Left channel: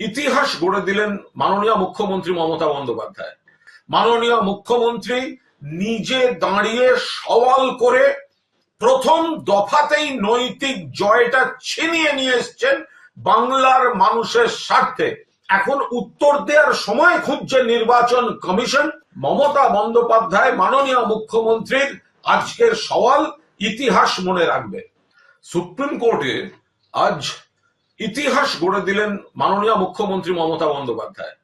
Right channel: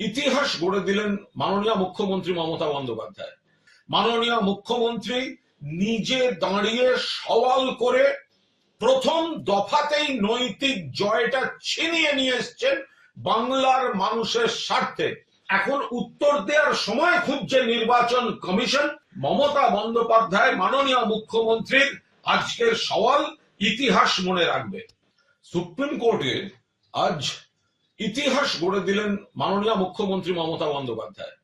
ইতিহাস গড়ে দিলেন মাননীয় মুখ্যমন্ত্রী মমতা বন্দ্যোপাধ্যায়। মাননীয় মুখ্যমন্ত্রী নিজে দাঁড়িয়ে সওয়াল করে প্রথম দফাতেই নৈতিক জয়টা ছিনিয়ে নিয়ে এসছেন বাংলার মানুষের স্বার্থে। এখন উত্তর দেওয়ার সময় খুঁজছে নির্বাচন কমিশন। মমতা বন্দ্যোপাধ্যায় মাননীয় মুখ্যমন্ত্রীর আজকের সওয়াল ইতিহাস মনে রাখবে। সুপ্রিম কোর্টে আজ ইতিহাস গড়ে দিলেন মাননীয় মুখ্যমন্ত্রী মমতা বন্দ্যোপাধ্যায়।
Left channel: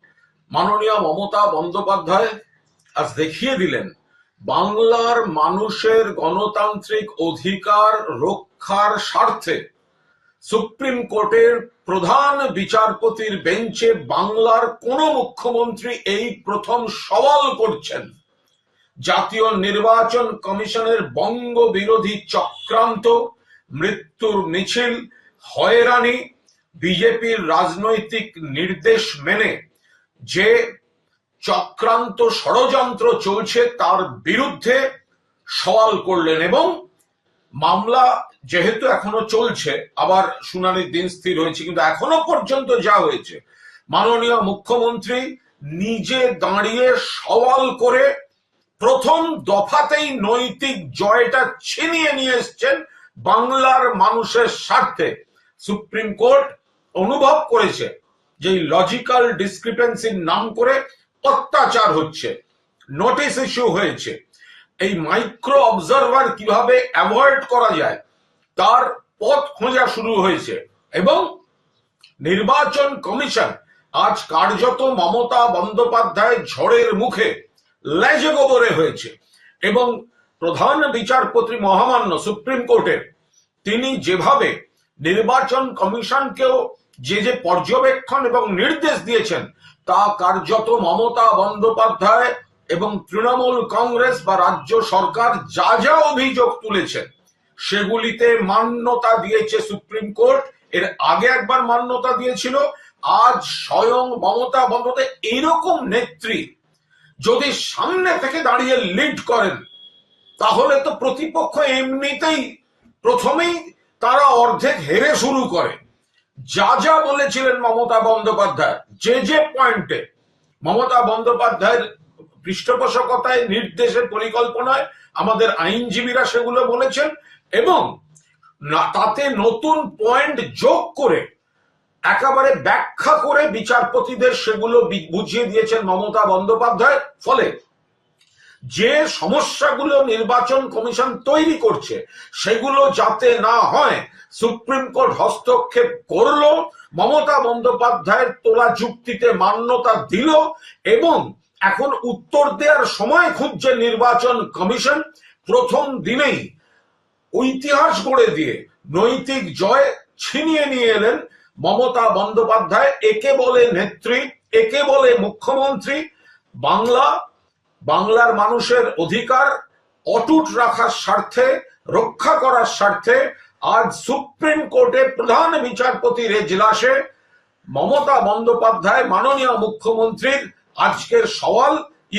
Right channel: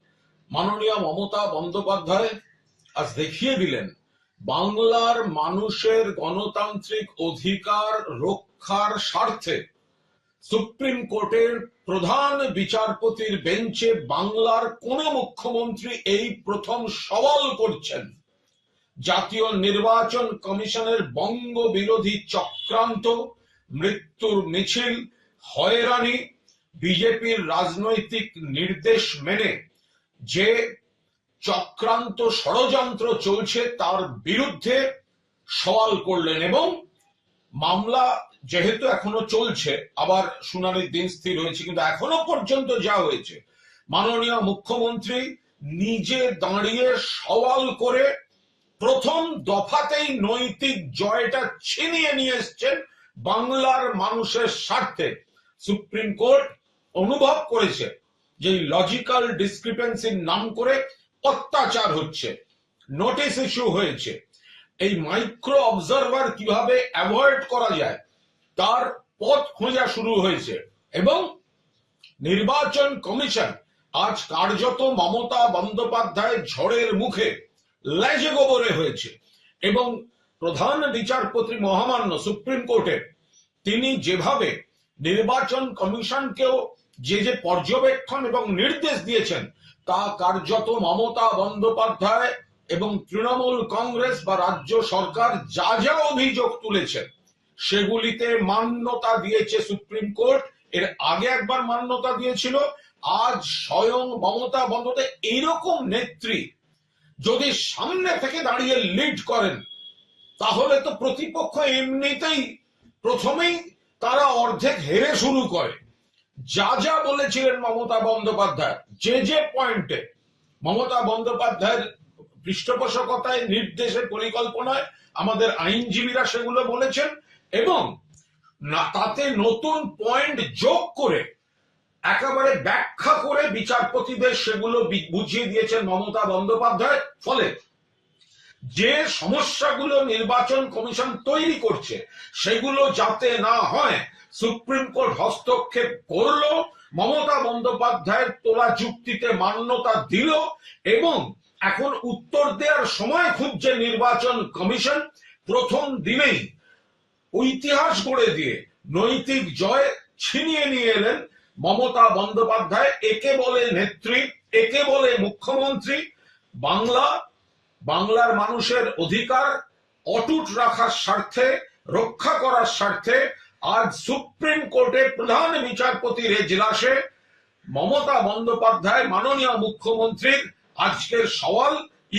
মাননীয় মমতা বন্দ্যোপাধ্যায় আজ দেখিয়ে দিলেন, বাংলার মানুষের গণতান্ত্রিক অধিকার রক্ষার স্বার্থে সুপ্রিম কোর্টের প্রধান বিচারপতির বেঞ্চে বাংলার কোন মুখ্যমন্ত্রী এই প্রথম সওয়াল করছেন। জাতীয় নির্বাচন কমিশনের বঙ্গ বিরোধী চক্রান্ত, মৃত্যুর মিছিল, হয়রানি বিজেপির রাজনৈতিক নির্দেশ মেনে যে চক্রান্ত ষড়যন্ত্র চলছে তার বিরুদ্ধে সওয়াল করলেন এবং মামলা যেহেতু এখনও চলছে, আবার শুনানির দিন স্থির হয়েছে, কিন্তু এখনও পর্যন্ত যা হয়েছে, মাননীয় মুখ্যমন্ত্রী নিজে দাঁড়িয়ে সওয়াল করে প্রথম দফাতেই নৈতিক জয়টা ছিনিয়ে নিয়ে এসছেন বাংলার মানুষের স্বার্থে। সুপ্রিম কোর্ট অনুভব করেছে যে লজিক্যাল ডিসক্রিপেন্সির নাম করে অত্যাচার হচ্ছে নোটিশ ইস্যু হয়েছে। এই মাইক্রো অবজারভার কীভাবে অ্যাভয়েড করা যায়, তার পথ খোঁজা শুরু হয়েছে এবং নির্বাচন কমিশন আজ কার্যত মমতা বন্দ্যোপাধ্যায় ঝড়ের মুখে লেজে গোবরে হয়েছে এবং প্রধান বিচারপতি মহামান্য সুপ্রিম কোর্টের তিনি যেভাবে নির্বাচন কমিশনকেও যে যে পর্যবেক্ষণ এবং নির্দেশ দিয়েছেন, তা কার্যত মমতা বন্দ্যোপাধ্যায় এবং তৃণমূল কংগ্রেস বা রাজ্য সরকার যা যা অভিযোগ তুলেছেন সেগুলিতে মান্যতা দিয়েছে সুপ্রিম কোর্ট। এর আগে একবার মান্যতা দিয়েছিল, আজ স্বয়ং মমতা বন্দ্যোপাধ্যায় এইরকম নেত্রী যদি সামনে থেকে দাঁড়িয়ে লিড করেন, তাহলে তো প্রতিপক্ষ এমনিতেই প্রথমেই তারা অর্ধেক হেরে শুরু করে। যা যা বলেছিলেন মমতা বন্দ্যোপাধ্যায়, যে যে পয়েন্টে মমতা বন্দ্যোপাধ্যায়ের পৃষ্ঠপোষকতায় নির্দেশে পরিকল্পনায় আমাদের আইনজীবীরা সেগুলো বলেছেন এবং তাতে নতুন পয়েন্ট যোগ করে একেবারে ব্যাখ্যা করে বিচারপতিদের সেগুলো বুঝিয়ে দিয়েছেন মমতা বন্দ্যোপাধ্যায়। ফলে যে সমস্যাগুলো নির্বাচন কমিশন তৈরি করছে, সেগুলো যাতে না হয়, সুপ্রিম কোর্ট হস্তক্ষেপ করল, মমতা বন্দ্যোপাধ্যায়ের তোলা যুক্তিতে মান্যতা দিল এবং এখন উত্তর দেওয়ার সময় খুঁজছে নির্বাচন কমিশন, প্রথম দিনেই ইতিহাস গড়ে দিয়ে নৈতিক জয় ছিনিয়ে নিয়ে এলেন মমতা বন্দ্যোপাধ্যায়। একে বলে নেত্রী, একে বলে মুখ্যমন্ত্রী। বাংলা বাংলার মানুষের অধিকার অটুট রাখার স্বার্থে, রক্ষা করার স্বার্থে আজ সুপ্রিম কোর্টে প্রধান বিচারপতির এজলাসে মমতা বন্দ্যোপাধ্যায়, মাননীয় মুখ্যমন্ত্রীর আজকের সওয়াল